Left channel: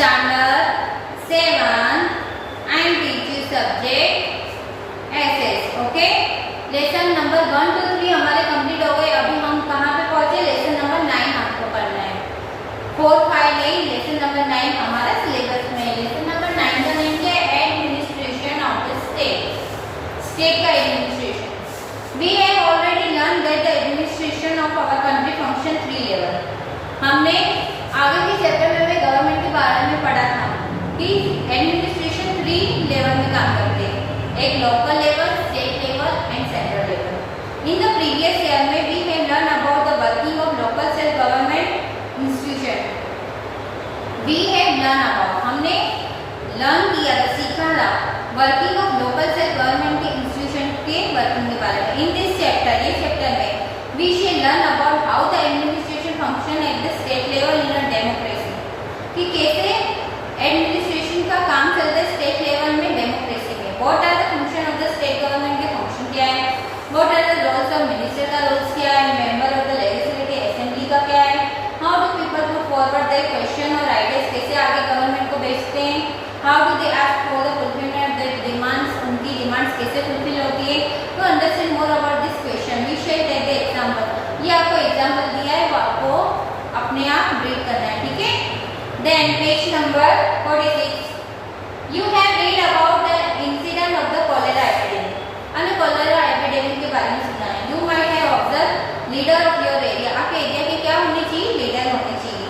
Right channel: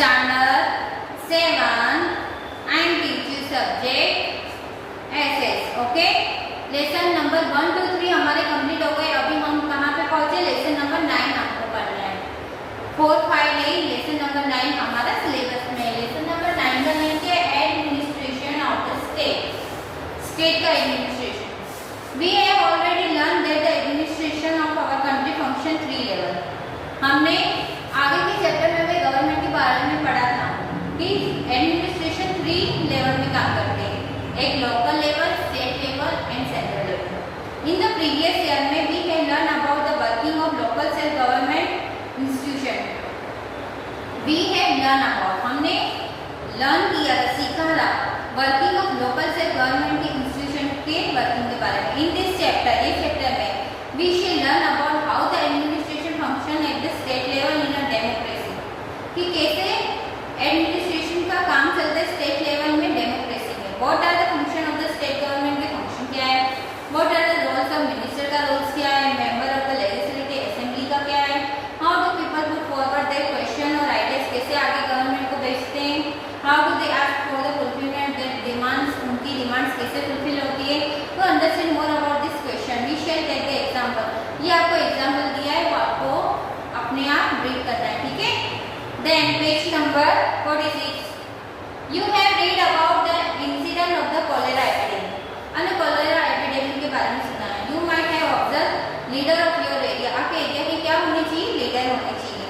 Standard 7 and teaching subject SS. Okay, lesson number 1 2 3 हमारे कंप्लीट हो गए। अभी हम कहाँ पे पहुंचे? लेसन नंबर 9 आपको पढ़ना है। 4 5 नहीं, लेसन नंबर 9 हमारा सिलेबस में है। लेसन नंबर 9 का नेम क्या है? Administration of the state, state का administration. We have already learned that the administration of our country function 3 level. हमने आगे के चैप्टर में गवर्नमेंट के बारे में पढ़ा था कि एडमिनिस्ट्रेशन 3 लेवल में काम करते हैं, एक local level, state level and central level. In the previous year में we have learned about the working of local self government institution. We have learned about, हमने लर्न किया था, सीखा था working of local self government के institution के working के बारे में। इन दिस चैप्टर, ये चैप्टर में we shall learn about how the administration function at the state level in a democracy, कि कैसे एडमिनिस्ट्रेशन का काम चलता है स्टेट लेवल में डेमोक्रेसी में। What are the function of the state government के फंक्शन क्या है, what are the roles of minister का रोल्स क्या है, member of the legislative assembly का क्या है, how do people put forward their question और आइडियाज, कैसे आगे गवर्नमेंट को भेजते हैं, how do they ask for the fulfilment their demands, उनकी डिमांड्स कैसे फुलफिल होती है। To understand more about this question we shall take the example. ये आपको एग्जांपल दिया है, वो आपको अपने आप रीड करना है, ठीक है। Then page number 46 you have read about the incident of the cholera epidemic. અને कॉलेरा एपिडेमिक के बारे में सुना है। You might have observe leader of your area, आपके एरिया के क्या होनी चाहिए? लीडर होने चाहिए।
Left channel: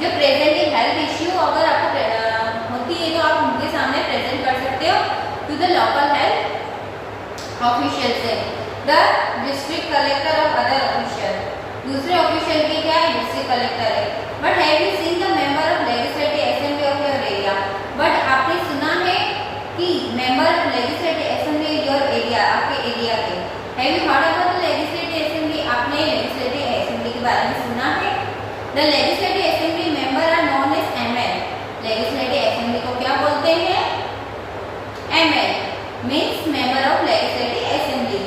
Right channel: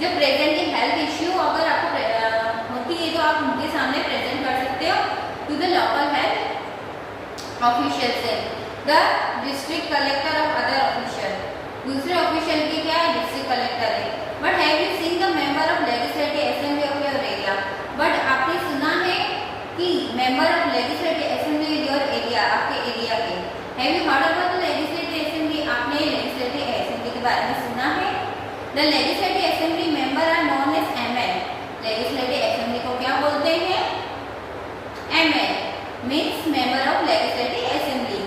जो प्रेजेंटली हेल्थ इश्यू अगर आपको होती है तो आप उनके सामने प्रेजेंट कर सकते हो to the local health official से, the district collector of other official. दूसरे ऑफिशियल की क्या है? डिस्ट्रिक्ट कलेक्टर है। But have you seen the member of legislative assembly of your area? But आपने सुना है कि member of legislative assembly your area, आपके एरिया के। Have you heard about the legislative assembly? आपने लेजिस्लेटिव असेंबली के बारे में सुना है। The legislative assembly member are known as ML. Legislative assembly को क्या बोलते हैं? ML means member of legislative assembly.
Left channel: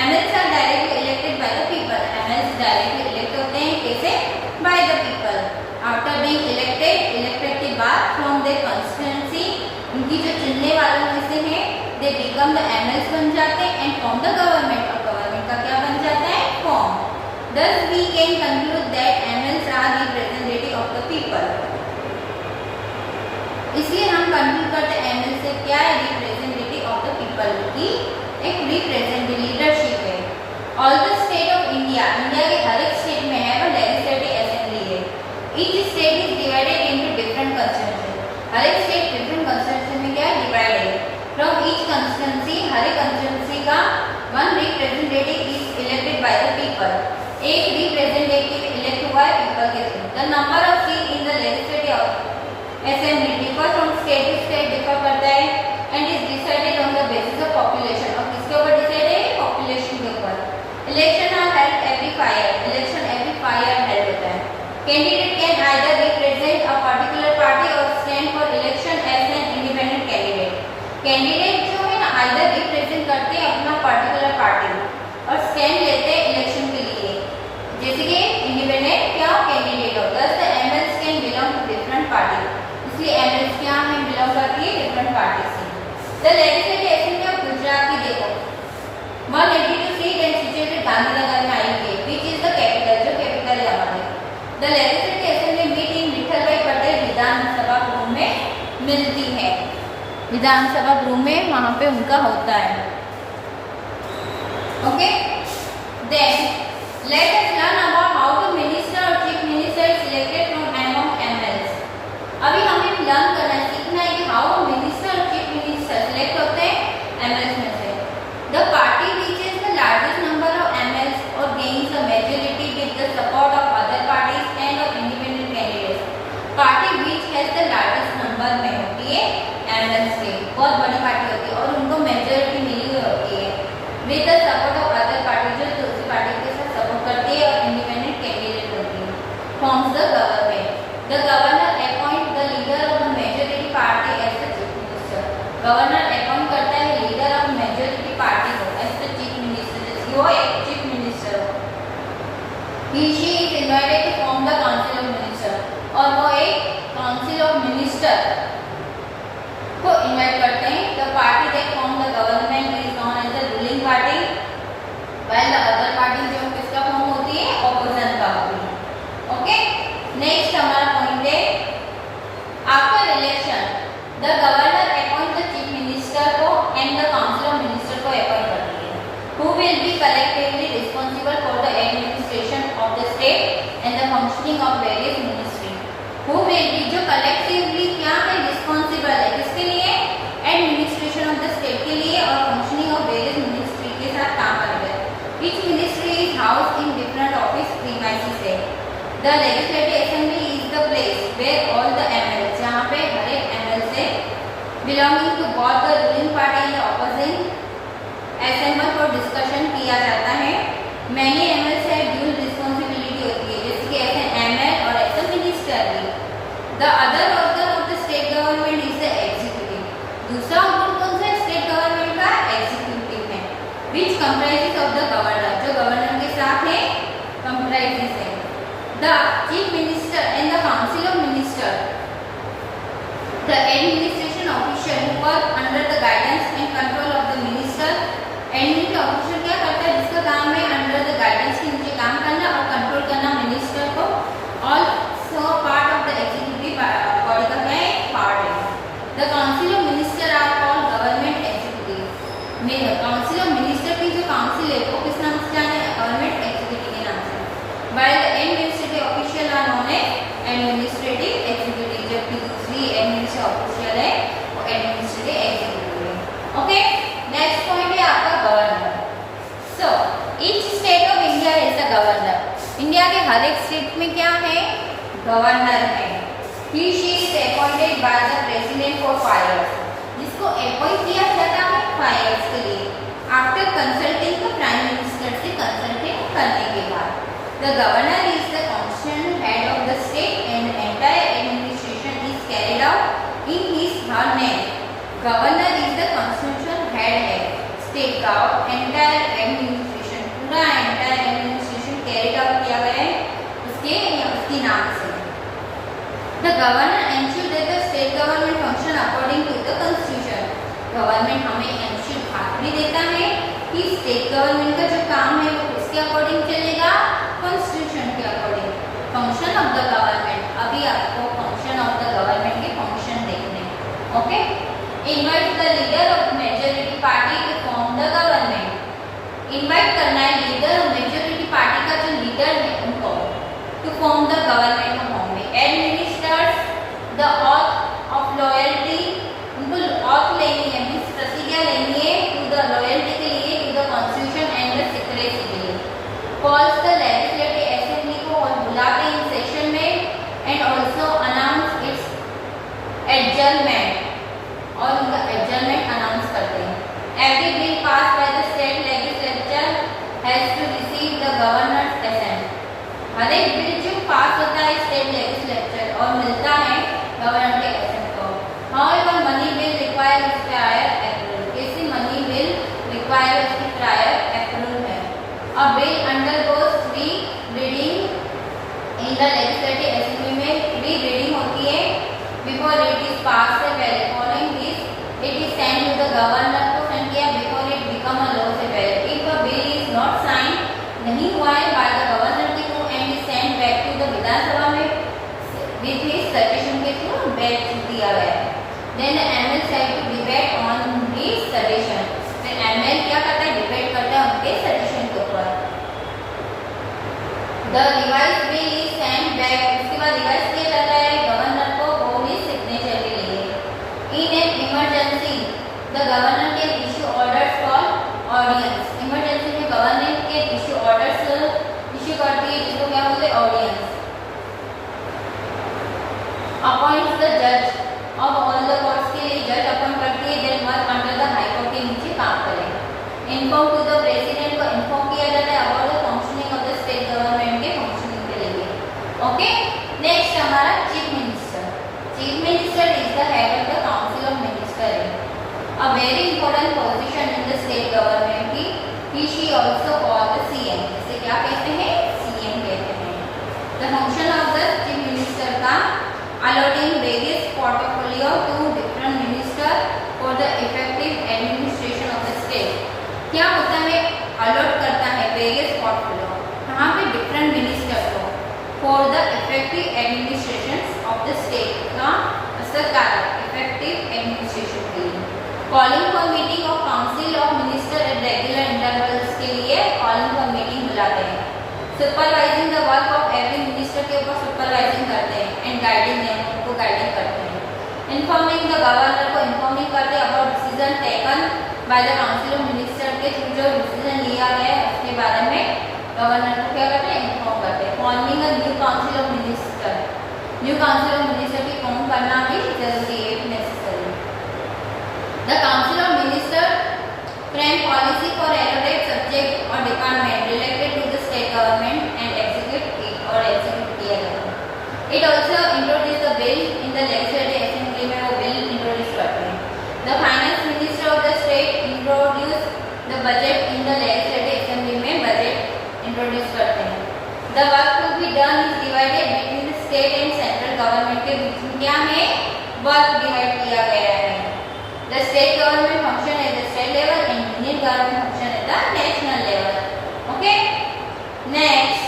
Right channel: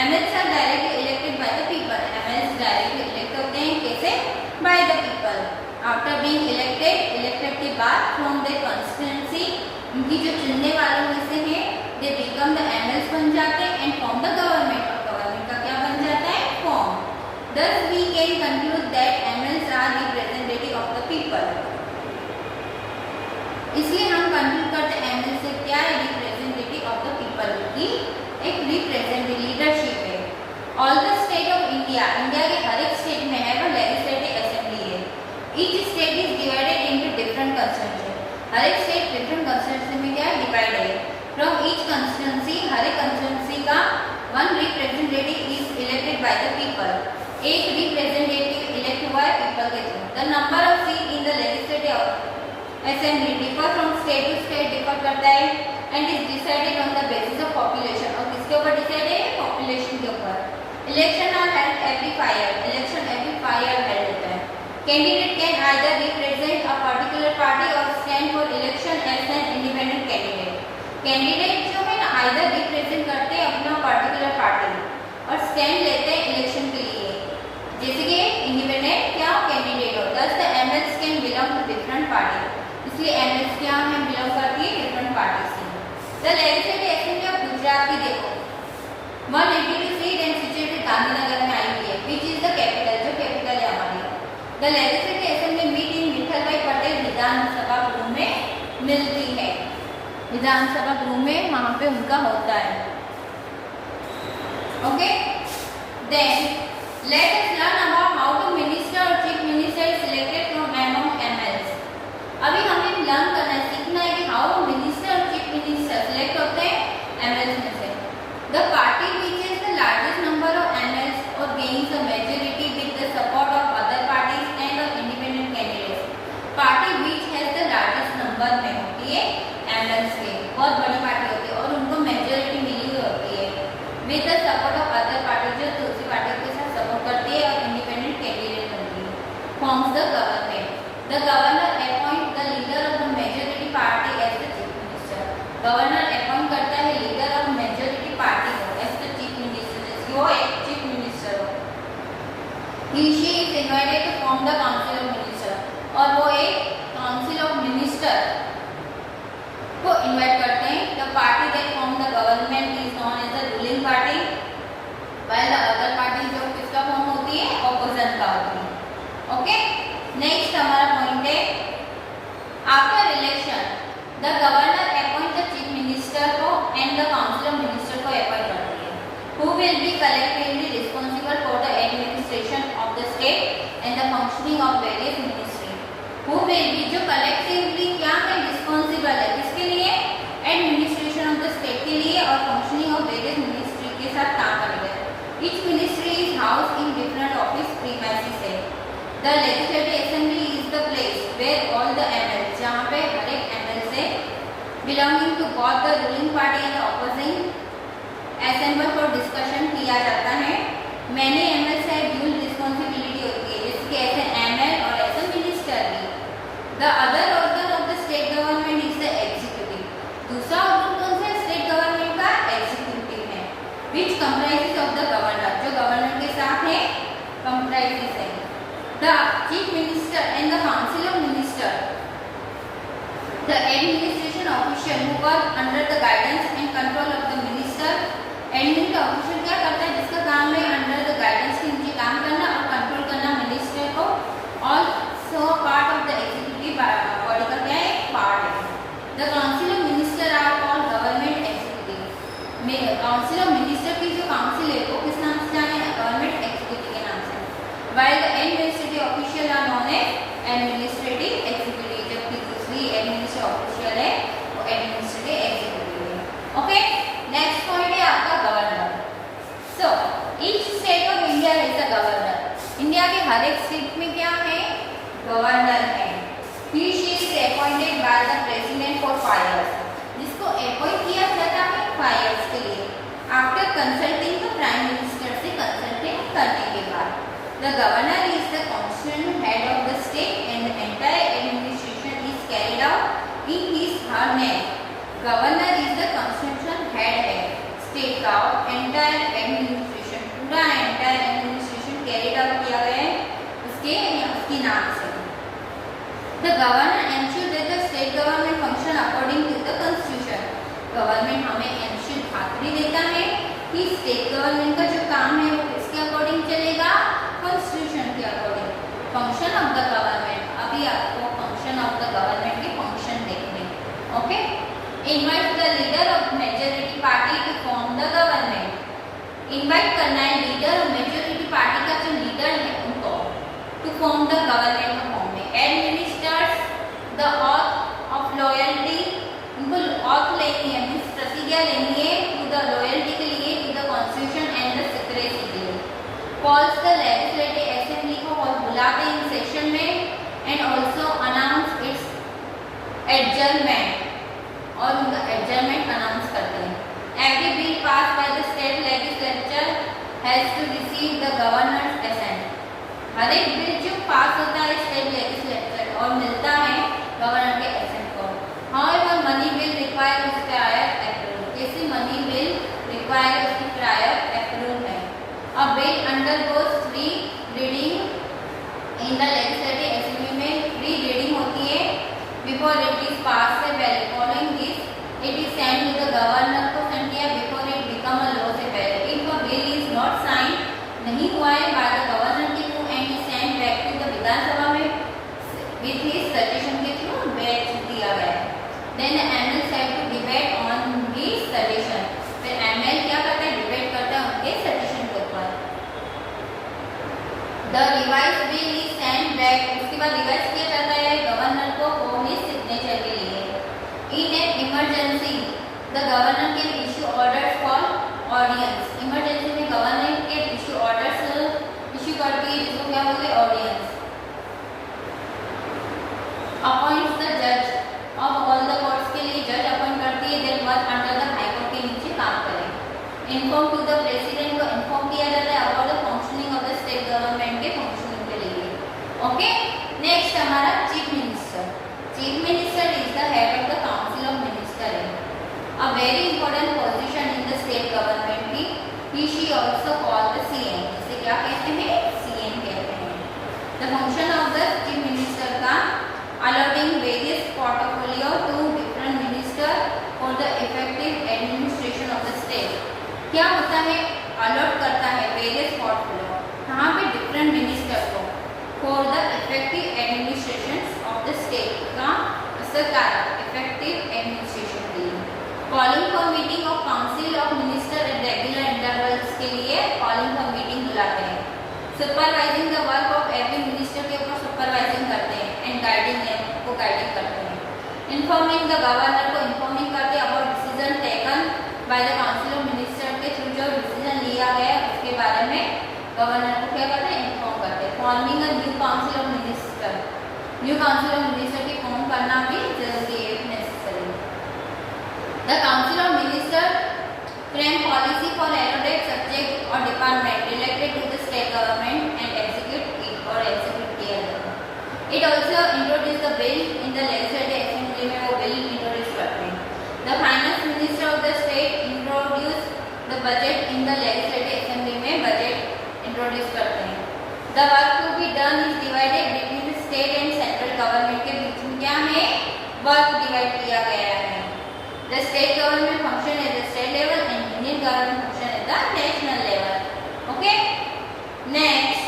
MLs are directly elected by the people. MLs directly elect होते हैं, कैसे? By the people. After being elected के बाद from there constituency, उनकी जो चुनने वालों में से हैं, दे बिकम द एमएल्स बन जाते हैं एंड फॉर्म द गवर्नमेंट, और गवर्नमेंट का क्या बन जाता है? Form. Thus we can conclude that MLs are representative of the people. इसलिए हम कंक्लूड करते हैं एमएल से क्या है? रिप्रेजेंटेटिव ऑफ द पीपल की एक रिप्रेजेंटेटिव लीडरशिप है। All the state of India, India के हर एक स्टेट में है वो लेजिस्लेटिव असेंबली है। Each state is divided into different constituency. हर एक स्टेट डिफरेंट कंस्टिट्यूएंसी में क्या है? डिवाइड है। फ्रॉम ईच कंस्टिट्यूएंसी, हर एक कंस्टिट्यूएंसी का one representative is elected by the people. एक रिप्रेजेंटेटिव इलेक्ट हुआ है पीपल के थ्रू। The number of seat in the legislative assembly differ from state to state, differ करता है and is decided on the basis of population. और किसके ऊपर डिसाइड है? पॉपुलेशन के ऊपर। Election are held every 5 year, election every 5 year held होता है। Candidate can either represent a particular party और stand for election as an independent candidate. Candidate जो है ना, आइदर रिप्रेजेंट करते हैं अपना पर्टिकुलर पार्टी और स्टैंड लेते हैं इलेक्शन के लिए, जैसे कि इंडिपेंडेंट क्या कैंडिडेट हो। Thus the MLs can belong to different party, इसलिए एमएल्स क्या है? बिलोंग करती है डिफरेंट पार्टी से। The legislative assembly of Gujarat की देखो 182 सीट एंड सिचुएटेड गांधीनगर में आई है, विच इज द कैपिटल, जो कैपिटल है हमारी। The legislative assembly meet in Vithal Bhai Patel विधानसभा गृह में मिलती है। विधानसभा गृह में वहां पे उनका होता है। Okay, then let us learn about how to minister or chief minister is selected from among MLs. अभी हमें लर्न करना है, सीखना है कि हाउ मिनिस्टर और चीफ मिनिस्टर सिलेक्ट होते हैं एमएल्स में से। The party which is the largest number of MLs और gains a majority with the support of other parties and of independent candidates. Party which has the largest number में होती है एमएल्स के, बहुत बड़ी पार्टी होती है और उनको मेजॉरिटी मिली हुई होती है with the support of other party, जो दूसरी पार्टी के साथ सपोर्ट करती है और इंडिपेंडेंट कैंडिडेट होती है। Forms the government. The governor appoint the leader of the majority party as the chief minister. Governor appoint करता है लीडर ऑफ मेजॉरिटी पार्टी को एज द चीफ मिनिस्टर, जैसे वो एक चीफ मिनिस्टर हो। He she is invited to form the council of minister, और वो एक काउंसिल ऑफ मिनिस्टर मिनिस्टर को इन्वाइट करते हैं। The party that form the government is known as the ruling party, while the other party जो किसका form होती है, ऑपोजिशन का होती है। ओके, नेक्स्ट हमारा पॉइंट है after election the governor appoint the chief minister को and the council of minister को अपॉइंट करती है, who will be collectively responsible for the administration of the state and the functioning of various ministries. Who will be जो collectively क्या है, responsible है किसके लिए, administration of the state के लिए और functioning of various ministry के साथ काम करेगा। Each ministry is housed in different office premises है। The legislative assembly is the place where all the MLs जहाँ पे हर एक ML से belonging to both the ruling party and the opposing assemble for discussion किया जाता है। मैंने एमएल से ड्यूल रिस्पॉन्सिबिलिटी होती है, जैसे कि एज एन एमएल और एज ए मिनिस्टर भी। The other organ of the state government is the executive. दूसरा ऑर्गन कौन सा स्टेट गवर्नमेंट का, एग्जीक्यूटिव है, विच कंप्राइजेस ऑफ द गवर्नर, जो गवर्नर के साथ है कंप्राइजेस है। The chief minister and the council of minister, the administration official who work under the guidance and control of the minister. Admin का ऑफिशियल क्या करता है, जिसका काम है अंडर द गाइडेंस के नीचे काम करना और कंट्रोल करना मिनिस्टर को। Also part of the executive body का क्या है, पार्ट है। The council of minister are called government executive. Council of minister की जो काउंसिल है वो किस नाम से जाने, गवर्नमेंट एग्जीक्यूटिव के नाम से। While the administrative official are known as administrative executive, जबकि दूसरी एडमिनिस्ट्रेटिव ऑफिशियल है वो एडमिनिस्ट्रेटिव एग्जीक्यूटिव है। ओके, नेक्स्ट पॉइंट है आपका governor. So each state of India is the governor. India के हर एक स्टेट में क्या है, गवर्नर है। He she is appointed by the president for 5 years, जिसको अपॉइंट किया जाता है 5 years के लिए, after consulting the prime minister से कंसल्टिंग करने के बाद। The governor is the constitutional head of the state and entire administration is carried out in his her name. Governor is the constitutional head है state का और entire administration, पूरा entire administration carried out किया गया है उसके या उसके नाम से। The governor ensure that the state government function according to the constitution. Government हमें एंश्योर खातरी देता है कि स्टेट गवर्नमेंट का जो काम है वो किसके अकॉर्डिंग चलेगा, कॉन्स्टिट्यूशन के according. Function of the government, अभी आपको फंक्शन ऑफ द गवर्नमेंट के फंक्शन देखने। Okay, invite the leader of majority party to form the government. Invite करना है लीडर ऑफ मेजॉरिटी पार्टी का जो लीडर है उनको टू फॉर्म द गवर्नमेंट का फॉर्म में। Administers the auth of loyalty, उनको ऑथ लेनी है, मीन्स प्रतिज्ञा लेनी है टू द लॉयल्टी के लिए, to the constitution and the secrecy के लिए। कॉल्स द लेजिस्लेटिव असेंबली को बुलाते हैं सेशन में and also announce its adjournment, और उनका एडजर्नमेंट अनाउंस करते हैं। Every bill pass by the state legislature has to receive the governor's assent. हर एक बिल जो पास होता है स्टेट लेजिस्लेचर और मिलता है गवर्नर के असेंट को। However money bill require prior approval, कैसे मनी बिल रिक्वायर उसकी प्रायर अप्रूवल है। अ bill undergoes 3 reading in the legislative assembly में 3 रीडिंग होती है बिफोर इट इज पास से पहले। Following this it is send to the governor को सेंड किया before it become a law से पहले। If a bill is not sign, नहीं हुआ है बाय द गवर्नर के through and is send back to the Vidhan Sabha में विथ हिज सजेशन के थ्रू बैक दिया गया है। Then the ML have to debate on his suggestion. फिर एमएल क्या करता है, डिबेट करता है उनके सजेशन के ऊपर। The revise bill is send back, उसके बाद रिवाइज किया जाता है गवर्नर को फॉर हिज सिग्नेचर के लिए। In an emergency the governor can issue orders for audience. Emergency में गवर्नर के इशू ऑर्डर्स इशू करती है, जिसको क्या बोलते हैं, ऑडियंस। अपॉइंट्स द जज ऑफ ऑल द कोर्ट्स के लिए जज अपॉइंट करती है, that work under the high court के नीचे काम करें। इन्फॉर्म टू द प्रेसिडेंट को इन्फॉर्म किया जाता है about the functioning of the state government के फंक्शनिंग के लिए। ओके, नेक्स्ट हमारा chief minister. Chief minister is the head of the council of minister है, a very important position in the state government की। He she also called the CM, जिसे क्या कहते हैं, सीएम कहते हैं। The function of the chief minister का allotting various portfolio to different minister for the effective administration of the state. क्या होता है? अलॉट करता है वेरियस पोर्टफोलियो कहाँ पे? डिफरेंट मिनिस्टर को for the effective administration of the state का सरकार इफेक्टिव एडमिनिस्ट्रेशन के लिए. Calling for meeting of council of minister at regular intervals के लिए कॉलिंग फॉर मीटिंग बुलाते हैं. Supervising the work of every minister के ऊपर सुपरवाइजिंग करते हैं एंड गाइडिंग देम को गाइडिंग करते हैं. इन्फॉर्मिंग द गवर्नर को इन्फॉर्मिंग करते हैं about decision taken by the council of minister के थ्रू जो डिसीजन लिया गया है उसके बारे में गवर्नर को क्या करते हैं? इन्फॉर्म करते हैं. Forming a new council of minister, new council of minister की फॉर्म करना भी जरूरी है, necessary. The council of minister frame policy for allocate subject और department related to the state government and execute it और execute किया जाता है. It also introduce the bill in the legislative assembly में वो बिल इंट्रोड्यूस करते हैं. The finance minister of the state introduce the budget in the legislative assembly में budget introduce करते हैं. The work to be done is divided between the state and central government के बीच में क्या है? वर्क डिवाइड किया गया है. The state government function at the state level and union government function at the national level. Okay, next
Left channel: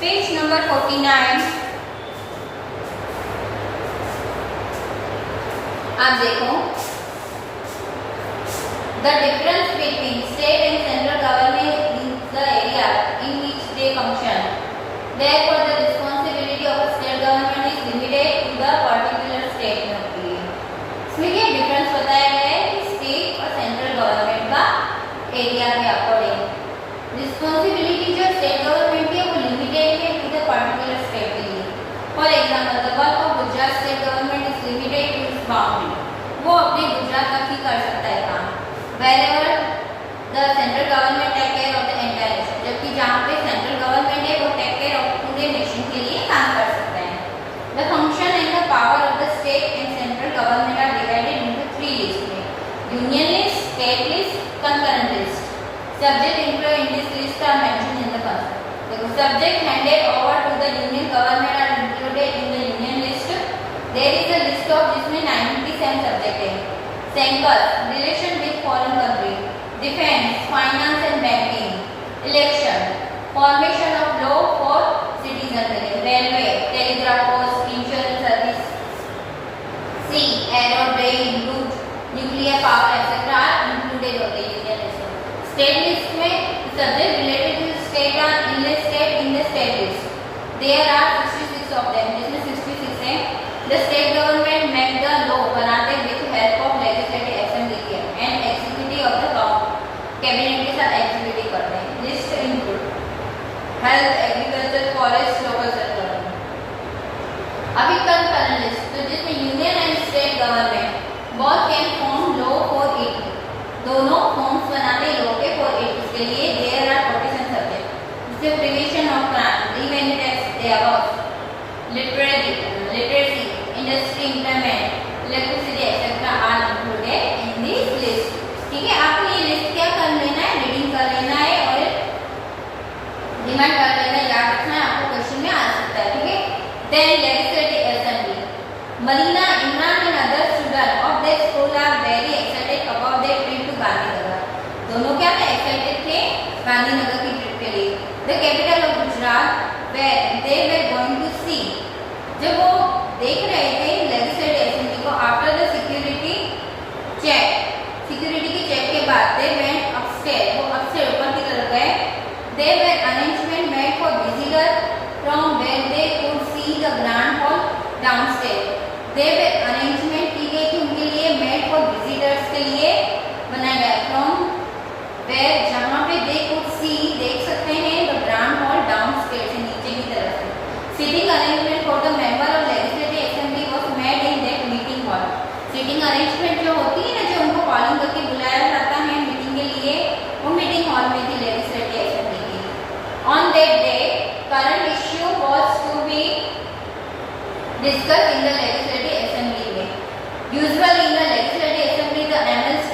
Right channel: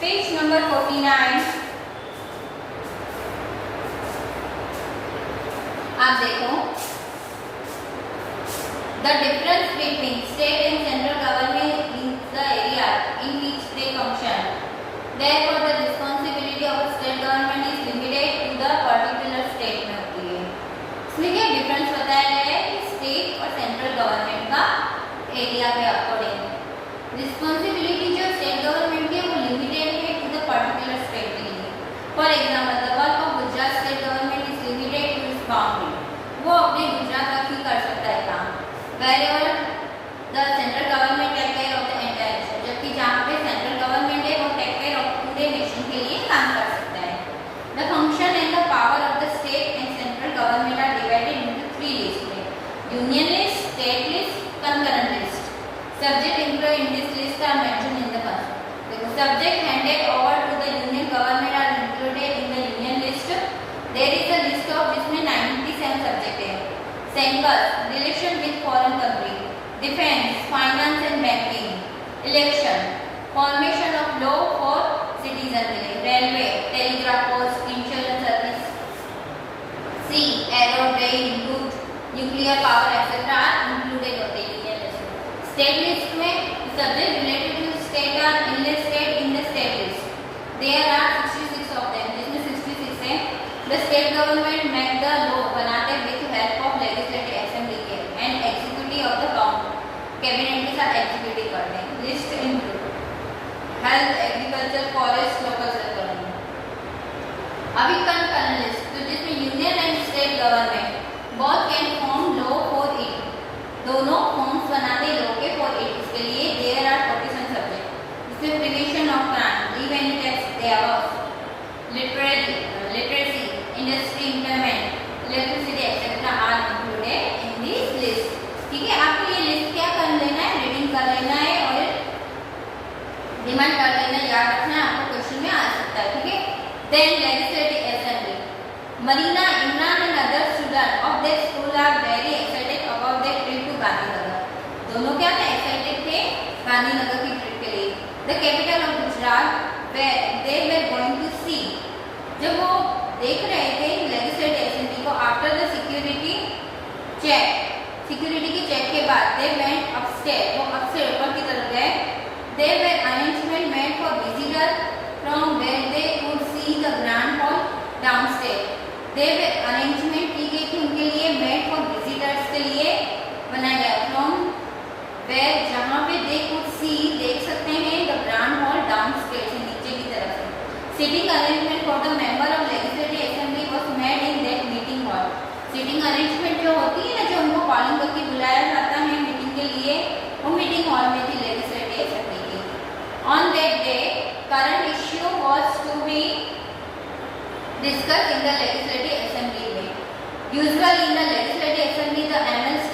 page number 49. आप देखो the difference between state and central government in the area in which they function. Therefore, the responsibility of a state government is limited to the particular state में होती है. इसमें क्या डिफरेंस बताया गया है कि स्टेट और सेंट्रल गवर्नमेंट का एरिया के अकॉर्डिंग रिस्पॉन्सिबिलिटी जो स्टेट गवर्नमेंट की है वो लिमिटेड है टू द पर्टिकुलर स्टेट के लिए. For example the work of Gujarat state government is limited to its boundary. वो अपने गुजरात तक ही कर सकता है काम. Wherever the central government take care of the entire nation, जबकि जहाँ पे सेंट्रल गवर्नमेंट है वो टेक केयर ऑफ पूरे नेशन के लिए काम कर सकता है. The function and the power of the state and central government are divided into 3 lists: union list, state list, concurrent list. Subject included in this list are mentioned in the first. देखो subject handed over to the union government are included in the union list. There is a list of जिसमें 97 subject है. Census, relation with foreign country, defense, finance and banking, election, formation of law for citizen, railway, telegraph post, insurance service, sea, aero, train, route, nuclear power, etc. are included होते हैं union list. State list में subject related to state are enlisted in the state list. There are 66 of them, जिसमें 66 हैं. The state government make the law बनाते with help of legislative assembly के and executive of the cabinet के साथ executive करते हैं. List include health, agriculture, forest, local government. अभी concurrent list तो जिसमें union and state government both can form law for it. दोनों forms बनाते law के for it. इसके लिए there are 47 subject. जिसमें prevention of crime, revenue tax, there was literacy, industry, employment, electricity, etc. are included in this list. ठीक है, आपको ये लिस्ट क्या कर लेना है? रीडिंग कर लेना है और रिमाइंड कर लेना है, याद रखना है, आपको क्वेश्चन में आ सकता है. ठीक है. Then legislative assembly. Marina, Imran and other students of their school are very excited about their trip to Gandhinagar. दोनों क्या थे? एक्साइटेड थे गांधीनगर की ट्रिप के लिए. The capital of Gujarat, where they were going to see. जब वो देख रहे थे लेजिस्लेटिव असेंबली को आफ्टर द सिक्योरिटी के चेक के बाद दे वेंट अपस्टेयर, वो अपस्टेयर ऊपर की तरफ गए. They were arrangement made for visitor from where they could see the grand hall downstair. They were arrangement की गई थी उनके लिए मेड फॉर विजिटर्स के लिए बनाया गया फ्रॉम वेयर जहाँ पे दे कुड सी देख सकते हैं द ग्रैंड हॉल डाउनस्टेयर से नीचे की तरफ से. Sitting arrangement for the member of legislative assembly was made in that meeting hall. Sitting arrangement जो होती है ना, जो उनको कॉलिंग करके बुलाया जाता है मीटिंग के लिए, वो मीटिंग हॉल में थी लेजिस्लेटिव असेंबली की. On that day, current issue was to be discussed in the legislative assembly. Usually in the legislative assembly, the MLC